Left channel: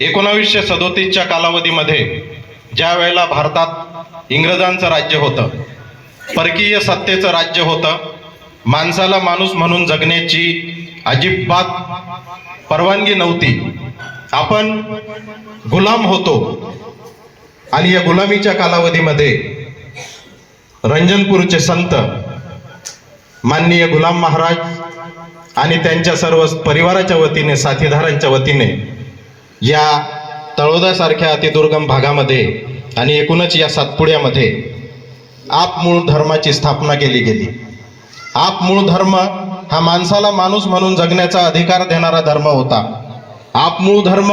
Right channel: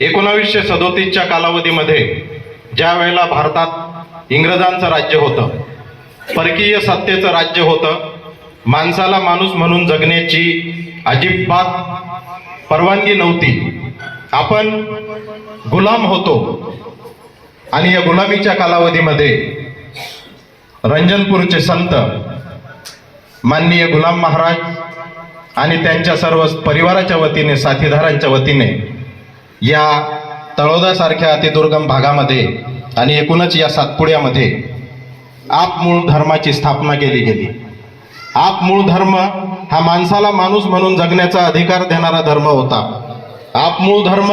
एकोणावीसशे सदोतीसच्या कालावधीमध्ये ज्या वेळेला भारतात इंग्रजांचं राज्य होतं परकीय सत्तेचं राज्य होतं माणसाला माणूस म्हणून जगण्याची अजिबात परवानगी नव्हती. आपण गुलाम होतो. आणि या गुलामीच्या कालावधीमध्ये रंजनपूरचे संत माननीय गुलाम महाराज आणि त्यांच्या सर्व परिवाराच्या वतीने साथीदारांच्या वतीने या तळोदासारख्या अतिदुर्गम भागामध्ये आणि एकूणच या सातपुड्यामध्ये आप मूळ धर्माची स्थापना केली गेली. आप मूळ धर्म हा माणसाला माणूस म्हणून जगण्याचा अधिकार देणारा धर्म होता. आप मूळ धर्म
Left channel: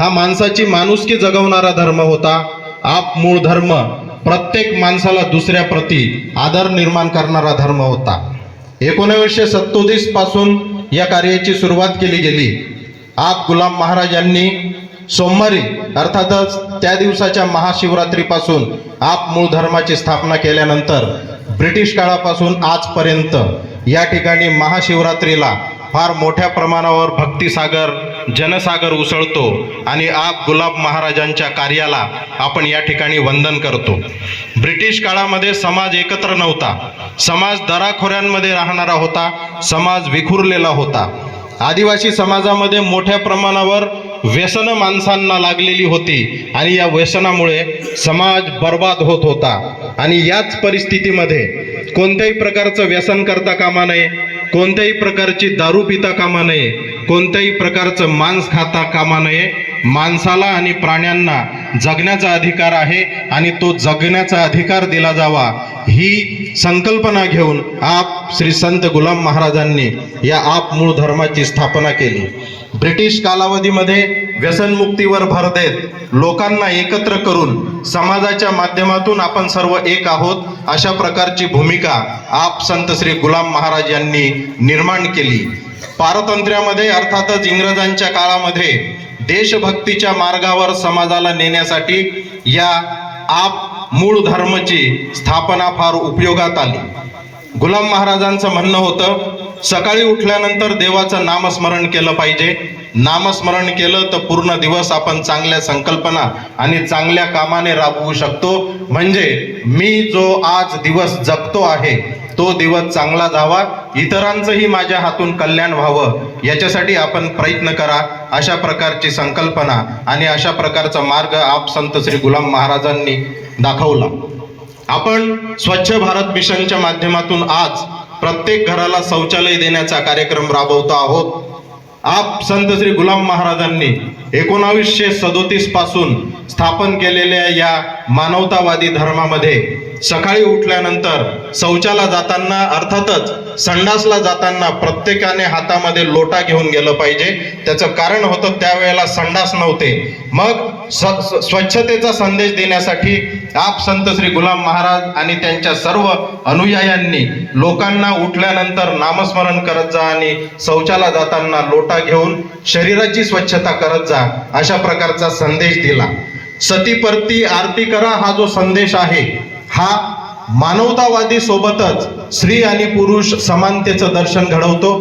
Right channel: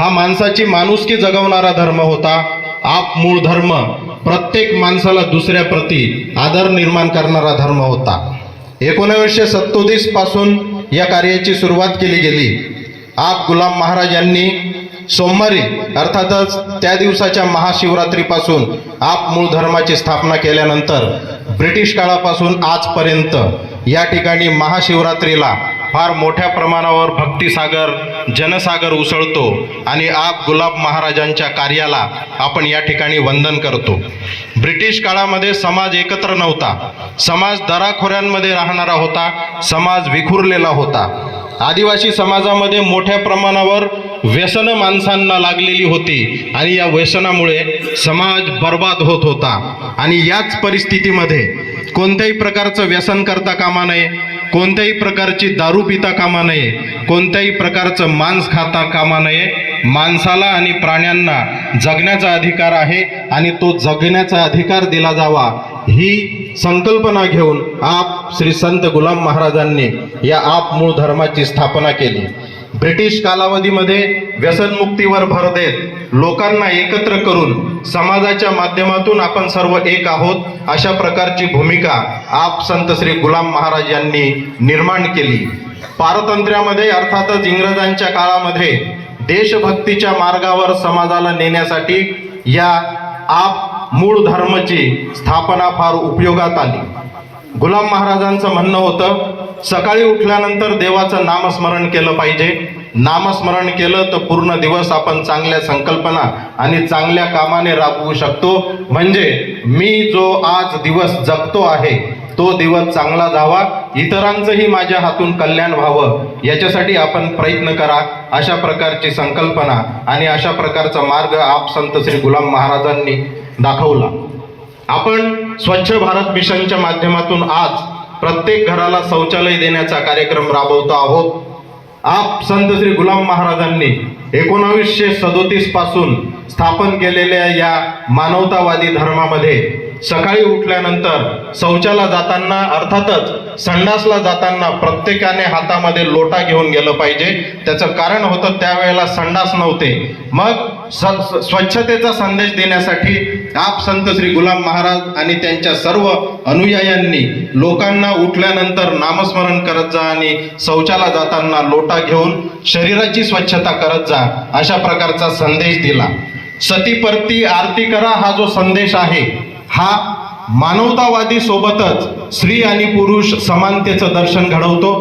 हा माणसाची माणुसकी जगवणारा धर्म होता. आप मूळ धर्म प्रत्येक माणसाला दुसऱ्या प्रती आदर निर्माण करणारा धर्म होता. एकोणावीसशे सत्तोतीसपासून या कार्याची सुरुवात केली गेली. आप गुलाम महाराज यांनी सोमवारी अर्थातच त्या दिवसाच्या महाशिवरात्रीपासून आप मूळ धर्माची स्थापना केल्यानंतर ब्रिटिश काळापासून आजपर्यंत या ठिकाणी महाशिवरात्रीला फार मोठ्या प्रमाणावर भक्तिसागर जनसागर उसळतो आणि आप गुलाब महाराजांच्या कार्याला आपण या ठिकाणी वंदन करतो. ब्रिटिश काळामध्ये समाज एकत्र नव्हता. समाज दराखोऱ्यांमध्ये राहणारा होता समाज विखुरलेला होता. आदिवासी समाजामध्ये मोठ्या प्रमाणावर व्यसनं माणसांना लागलेली होती आणि या व्यसनामुळे समाज बर्बाद होत होता. आणि याच परिस्थितीमध्ये कोणत्याही प्रकारचं व्यसन करता कामा नये कोणत्याही प्रकारची दारू पिता कामा नये कोणत्याही प्रकारचं मांस खाता कामा नये माणसाला आणि प्राण्यांना जगण्याचा अधिकार आहे आणि तो जगण्याचा अधिकार दिला जावा ही संकल्पना घेऊन आप श्री संत गुलाम महाराजांनी या आप मूळ धर्माची स्थापना केली. ब्रिटिश कालावधीमध्ये व्यसनमुक्तीवर भर देत लोकांना एकत्र करून समाजाच्या माध्यमातून आपण सर्व एक आहोत अशा प्रकारची भूमिका आप संत श्री गुलाम महाराज यांनी निर्माण केली. पारतंत्र्यामध्ये अर्थातच इंग्रजांच्या काळामध्ये देशभक्तीच्या मार्गावर समाजाला नेण्यासाठी या आप मूळ धर्मची स्थापना फार उपयोगात आली. गुलाम महाराजांचं म्हणणं होतं सकाळी उठल्यानंतर देवाचं नामस्मरण केलं पाहिजे. नामस्मरण केलं तर पूर्ण दिवस आपण चांगल्या संकल्पना आणि चांगल्या कामाने राबवू शकतो. म्हणजे मी जो आज दिवस जगतो आहे तो दिवस चांगला जावा इतरांचंही माझ्या हातून कल्याण व्हावं याच्यासाठी आपण प्रयत्न करा अशा प्रकारची संकल्पना आणि अशा प्रकारचा मार्ग आप संत श्री गुलाम महाराजांनी दाखवला. आपण स्वच्छ भारत मिशनच्या माध्यमातून आज प्रत्येक घराला शौचालय देण्याचा कार्यक्रम राबवतो आहोत. आप संत श्री गुलाम महाराजांनी एकोणावीसशे सदोतीसपासून स्थापन केलेल्या या मानवतावादी धर्मामध्ये सकाळी उठल्यानंतर शौचाला जाताना अर्थातच संडासला जाताना प्रत्येकाने हातामध्ये लोटा घेऊन गेलं पाहिजे. त्याचं कारण होतं त्यावेळेला संडास नव्हते. मग स- स्वच्छतेचा संदेश देण्यासाठी आप संत श्री गुलाम महाराज आणि त्यांच्या सर्व अनुयायांनी लोकांना उठल्यानंतर नामस्मरण करत जा आणि शौचाला जाताना लोटा घेऊन शरीराची स्वच्छता करत जा. अशा प्रकारचा संदेश दिला. सतीपरती आरती करा हा जो संदेश आहे हा मानवतावादी सोबतच स्त्री आणि पुरुष समानतेचं दर्शन घडवतो.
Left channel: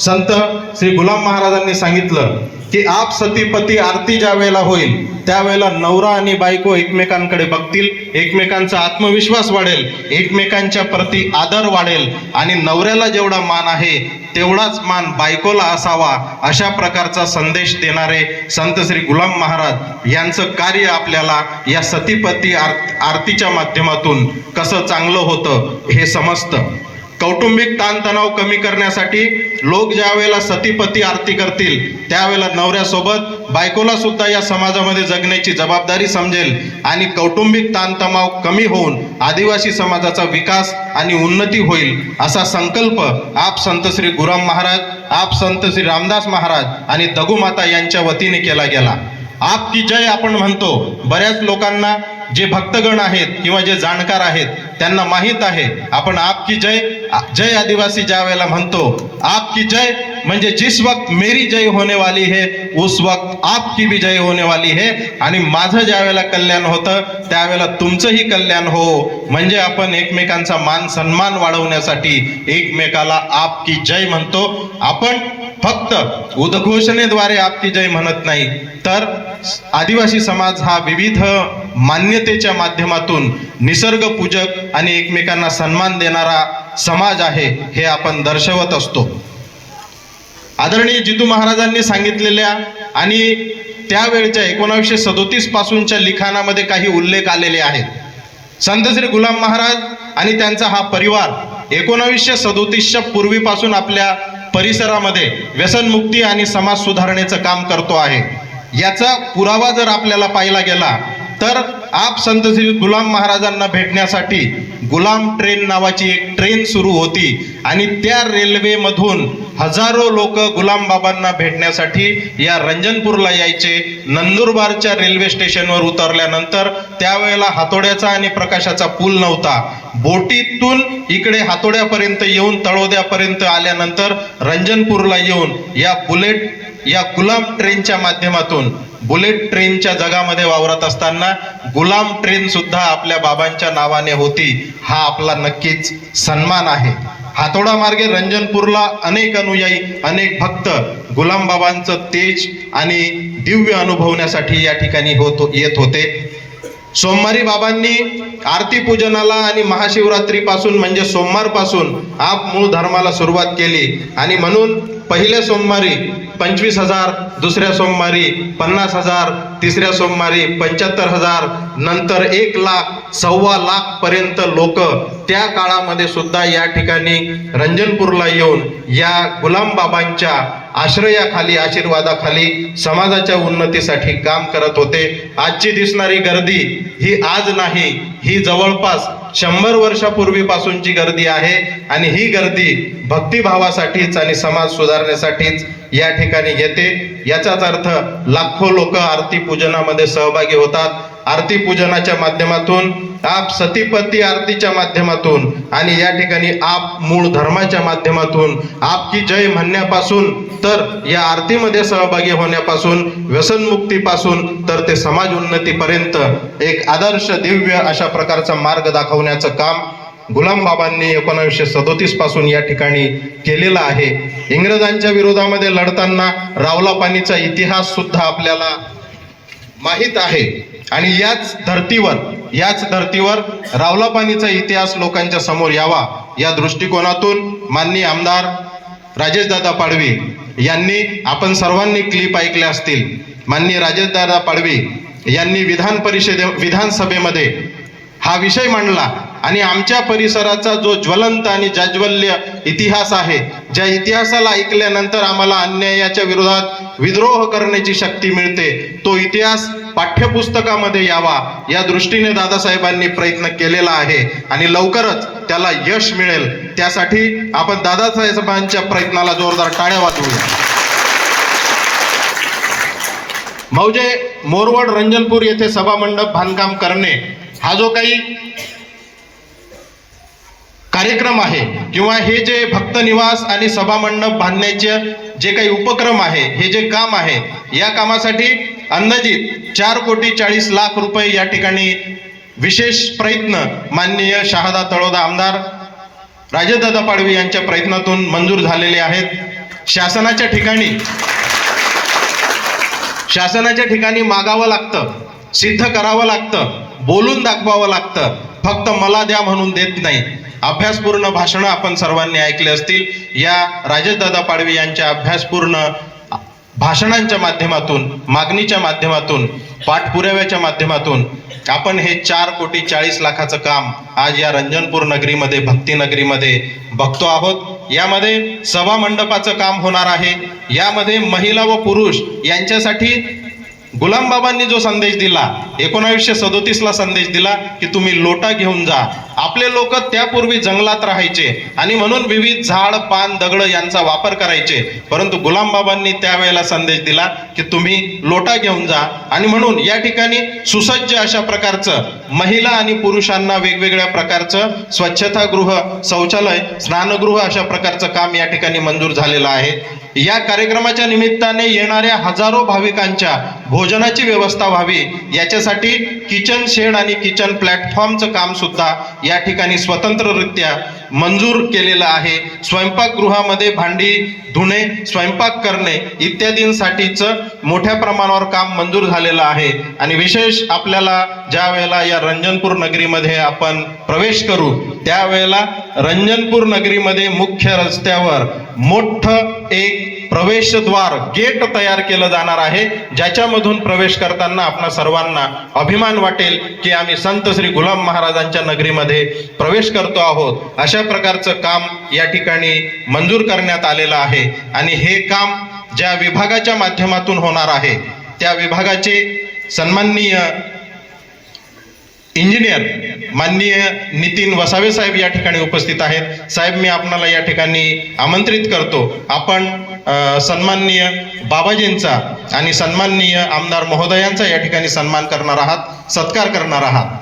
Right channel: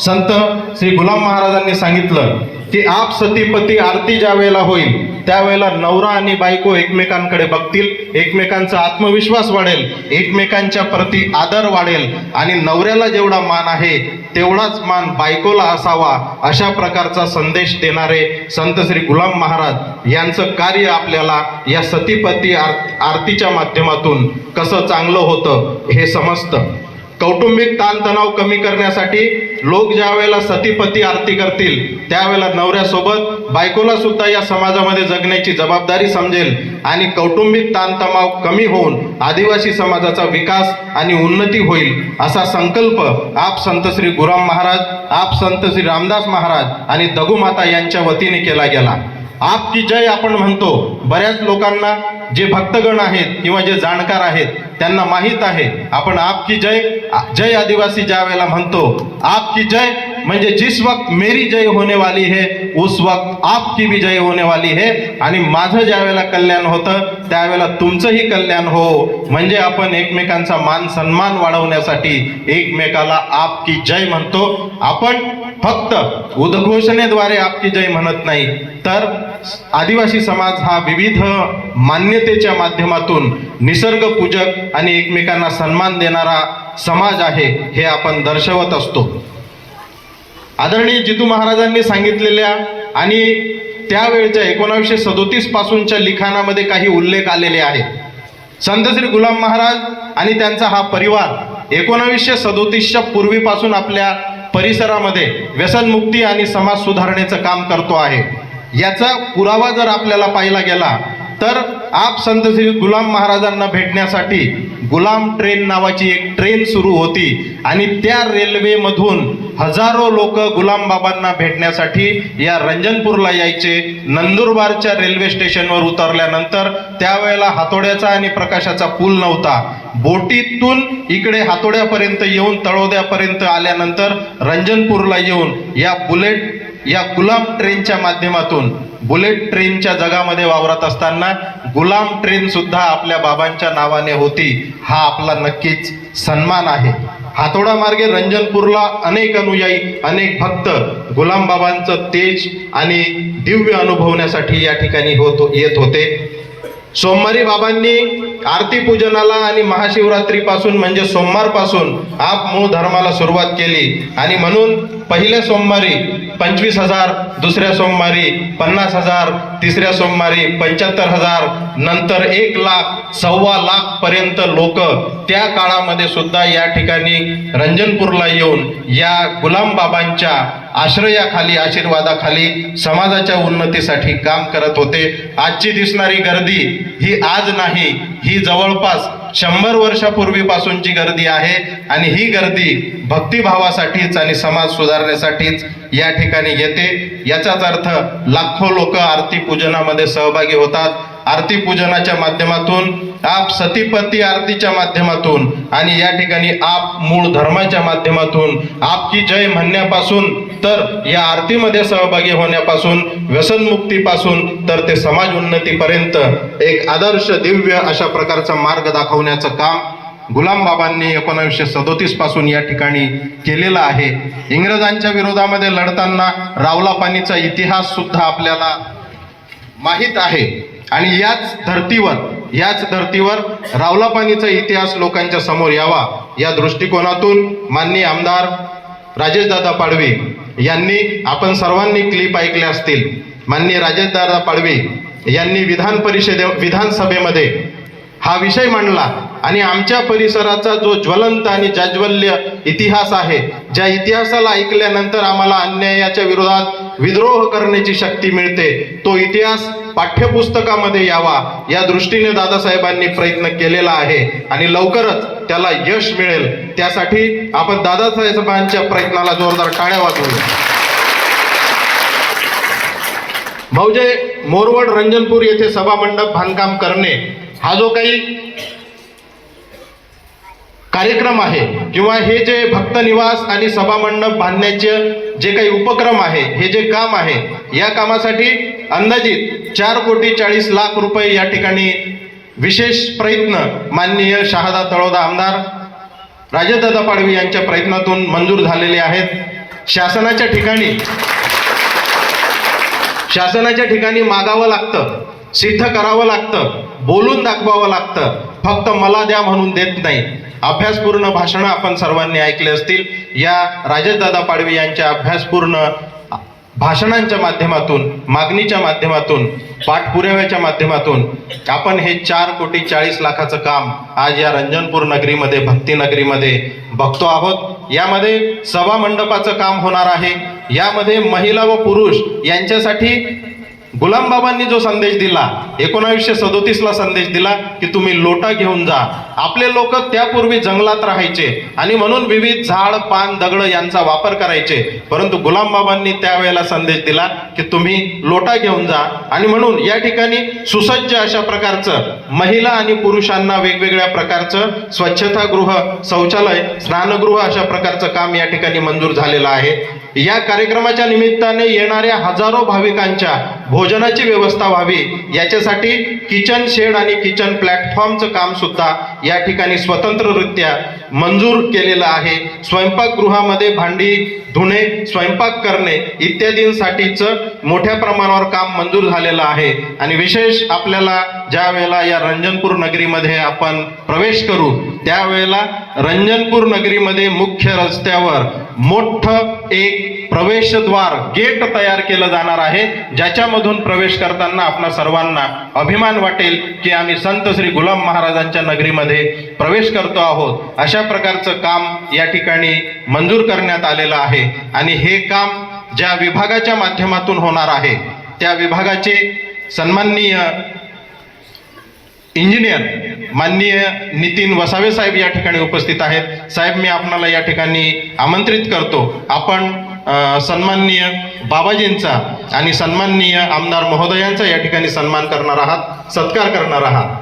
संत श्री गुलाम महाराजांनी सांगितलं की आप सतीपती आरती ज्या वेळेला होईल त्यावेळेला नवरा आणि बायको एकमेकांकडे बघतील एकमेकांचा आत्मविश्वास वाढेल एकमेकांच्या प्रती आदर वाढेल आणि नवऱ्याला जेवढा मान आहे तेवढाच मान बायकोला असावा अशा प्रकारचा संदेश देणारे संत श्री गुलाम महाराज यांचं कार्य आपल्याला या सतीपती आर आरतीच्या माध्यमातून कसं चांगलं होतं हे समजतं. कौटुंबिक ताणतणाव कमी करण्यासाठी लोक ज्या वेळेला सतीपती आरती करतील त्यावेळेला नवऱ्यासोबत बायकोला सुद्धा या समाजामध्ये जगण्याची जबाबदारी समजेल आणि कौटुंबिक ताणतणाव कमी होऊन आदिवासी समाजाचा विकास आणि उन्नती होईल असा संकल्प आप संत श्री गुराम महाराज आप संत श्री रामदास महाराज आणि दगुमाता यांच्या वतीने केला गेला. आप की जय आपण म्हणतो. बऱ्याच लोकांना जे भक्तगण आहेत किंवा जे जाणकार आहेत त्यांना माहीत आहे आपण आप की जय जय आदिवासी ज्या वेळेला म्हणतो आप की जय म्हणजे जिस वक्त मेरी जय होने वाली है उस वक्त आपकी भी जय होने वाली है. आणि माझं ज्या वेळेला कल्याण होतं त्यावेळेला तुमचंही कल्याण हो. म्हणजे आपण एकमेकांचा मान सन्मान वाढवण्यासाठी एकमेकाला आप की जय म्हणतो. आपण फक्त उद्घोषणेद्वारे आपकी जय म्हणत नाही तर आदिवासी समाज हा विविध मान्यतेच्या माध्यमातून निसर्ग पूजक आणि एकमेकांना सन्मान देणारा समाज आहे हे आपण दर्शवत असतो. आदरणीय जितू महाराजांनी सांगितलेल्या आणि त्यावेळच्या एकोणावीसशे सदोतीस पासूनच्या लिखाणामध्ये काही उल्लेख आलेले आहेत. संत श्री गुलाम महाराज आणि त्यांचा हा परिवार एकोणावीसशे सदोतीसच्या पूर्वीपासून आपल्या परिसरामध्ये व्यसनमुक्ती आणि समाज सुधारणेचं काम करतो आहे. याचा पुरावा जर आपल्याला पाहिला गेला तर आप संत श्री गुलाम महाराजांना भेटण्यासाठी गुलाम ट्रेन नावाची एक ट्रेन सुरू होती. आणि त्या रेल्वेमधून हजारो लोक गुलाम बाबांना भेटण्यासाठी या रंजनपूरला यायचे. नंदुरबारच्या रेल्वे स्टेशनवर उतरल्यानंतर त्यावेळेला हातोड्याचा आणि प्रकाशाचा पूल नव्हता. बोटीतून इकडे हातोड्यापर्यंत येऊन तळोद्यापर्यंत आल्यानंतर रंजनपूरला येऊन या बुलेट या गुलाम ट्रेनच्या माध्यमातून बुलेट ट्रेनच्या जगामध्ये वावरत असताना गुलाम ट्रेन सुद्धा आपल्या बाबांच्या नावाने होती हा आपला नक्कीच सन्मान आहे. हातोडा मार्गे रंजनपूरला अनेक अनुयायी अनेक भक्त गुलाम बाबांचं तेज आणि दिव्य अनुभवण्यासाठी या ठिकाणी होत येत होते. सोमवारी बाबांनी आरती पूजनाला आणि महाशिवरात्रीपासून म्हणजे सोमवारपासून आप मूळ धर्माला सुरुवात केली. आणि म्हणून पहिल्या सोमवारी पंचवीस हजार दुसऱ्या सोमवारी पन्नास हजार तिसऱ्या सोमवारी पंच्याहत्तर हजार नंतर एक लाख सव्वा लाख पर्यंत लोक त्या काळामध्ये सुद्धा या ठिकाणी रंजनपूरला येऊन या गुलाम बाबांच्या आश्रयाखाली आशीर्वादाखाली समाजाच्या उन्नतीसाठी काम करत होते. आजची दिसणारी गर्दी ही आज नाही ही जवळपास शंभर वर्षापूर्वीपासूनची गर्दी आहे आणि ही गर्दी भक्तिभावासाठीच आणि समाज सुधारण्यासाठीच या ठिकाणी येते. याचाच अर्थ लाखो लोक आरती पूजनामध्ये सहभागी होतात. आरती पूजनाच्या माध्यमातून आप सतीपती आरतीच्या माध्यमातून आणि या ठिकाणी आप मूळ धर्माच्या माध्यमातून आपकी जय म्हणण्यापासून तर या आरतीमध्ये सहभागी होण्यापासून व्यसनमुक्तीपासून तर ते समाज उन्नतीपर्यंत एक आदर्श दिव्य अशा प्रकारचा मार्ग दाखवण्याचं काम गुलाम बाबांनी एकोणावीसशे सदोतीसपासून या ठिकाणी केलेलं आहे. इंग्रजांच्या विरोधामध्ये लढताना रावला पाणीचा इतिहास सुद्धा आपल्याला माहीत आहे. आणि याच धर्तीवर याच धर्तीवर रावला पाणीचा इतिहास लोकांच्या समोर यावा या दृष्टिकोनातून माननीय आमदार राजेशदादा पाडवी यांनी आपण सर्वांनी क्लिप ऐकल्या असतील माननीय राजेशदादा पाडवी यांनी विधान परिषदे विधानसभेमध्ये हा विषय मांडला आणि आमच्या परिसराचा जो ज्वलंत आणि जाज्वल्य इतिहास आहे ज्या इतिहासाला ऐकल्यानंतर आम्हाला अन्यायाच्या विरोधात विद्रोह करण्याची शक्ती मिळते तो इतिहास पाठ्यपुस्तकामध्ये यावा. या दृष्टीने दादासाहेबांनी प्रयत्न केलेला आहे आणि लवकरच त्याला यश मिळेल. त्यासाठी आपण दादासाहेबांच्या प्रयत्नाला जोरदार टाळ्या वाजवूया. मौजे मोरवड रंजनपूर येथे सभामंडप बांधकाम करणे हा जो काही कार्यक्रम आहे किंवा हे जे भक्त निवास आणि सभामंडप बांधण्याचे जे काही उपक्रम आहे हे जे काम आहे या कामासाठी अंदाजित चार कोटी चाळीस लाख रुपये या ठिकाणी विशेष प्रयत्न माननीय शहादा तळोदा आमदार राजदादा पाडवी यांच्या प्रयत्नातून मंजूर झालेले आहेत. शासनाच्या ठिकाणी शासनाच्या ठिकाणी मागावं लागतं सिद्ध करावं लागतं बोलून दाखवावं लागतं. फक्त मला द्या म्हणून देत नाही. अभ्यासपूर्ण भाषणं आपण सर्वांनी ऐकले असतील. या राजदादा पाडवी यांच्या अभ्यासपूर्ण भाषणांच्या माध्यमातून मागणीच्या माध्यमातून पाठपुराव्याच्या माध्यमातून आपण हे चार कोटी चाळीस लाखाचं काम आज या रंजनपूर नगरीमध्ये भक्ती नगरीमध्ये बघतो आहोत. यामध्ये सभा मंडपाचं काम होणार आहे. यामध्ये महिला व पुरुष यांच्यासाठी गुलाम बाबांनी जो संदेश दिला एकोणावीसशे सदोतीसला संदेश दिला की तुम्ही लोटा घेऊन जा. आपले लोक त्यापूर्वी जंगलात राहायचे आणि म्हणून विविध झाड पान दगड यांचा वापर करायचे. परंतु गुलाम बाबांनी त्यावेळेला संदेश दिला की तुम्ही लोटा घेऊन जा. आणि म्हणून या ठिकाणी सुसज्ज अशा प्रकारचं महिला आणि पुरुषांना वेगवेगळ्या प्रकारचं स्वच्छतागृह शौचालय स्नानगृह अशा प्रकारचं काम या ठिकाणी मंजूर झालेलं आहे. या कार्यक्रमाच्या निमित्ताने येणाऱ्या हजारो भाविकांच्या भोजनाची व्यवस्था व्हावी. याच्यासाठी किचन शेड आणि किचन प्लॅटफॉर्मचं काम सुद्धा या ठिकाणी स्वतंत्ररित्या मंजूर केलेलं आहे. स्वयंपाकगृहामध्ये भांडी धुणे स्वयंपाक करणे इत्यादींसाठीचं मोठ्या प्रमाणावर काम मंजूर झालेलं आहे. आणि विशेष आपल्याला ज्या वेळेला या रंजनपूर नगरीमध्ये आपण प्रवेश करू त्यावेळेला रंजनपूर नगरीमध्ये मुख्य रस्त्यावर मोठं एक प्रवेशद्वार गेट तयार केलं जाणार आहे ज्याच्यामधून प्रवेश करताना आपणा सर्वांना अभिमान वाटेल की आम्ही संत श्री गुलाम महाराजांच्या नगरीमध्ये प्रवेश करतो आहोत. अशा प्रकारचं काम या ठिकाणी मंजूर करण्यात आलेलं आहे आणि हे काम ज्या विभागाच्या माध्यमातून होणार आहे त्या विभागाचे सन्माननीय इंजिनियर माननीय नितीन वसावे साहेब या ठिकाणी उपस्थित आहेत. साहेब मी आपणाला या ठिकाणी आमंत्रित करतो. आपण सन्माननीय बाबाजींचा आणि सन्माननीय आमदार महोदयांचा या ठिकाणी सन्मान करणार आहात सत्कार करणार आहात.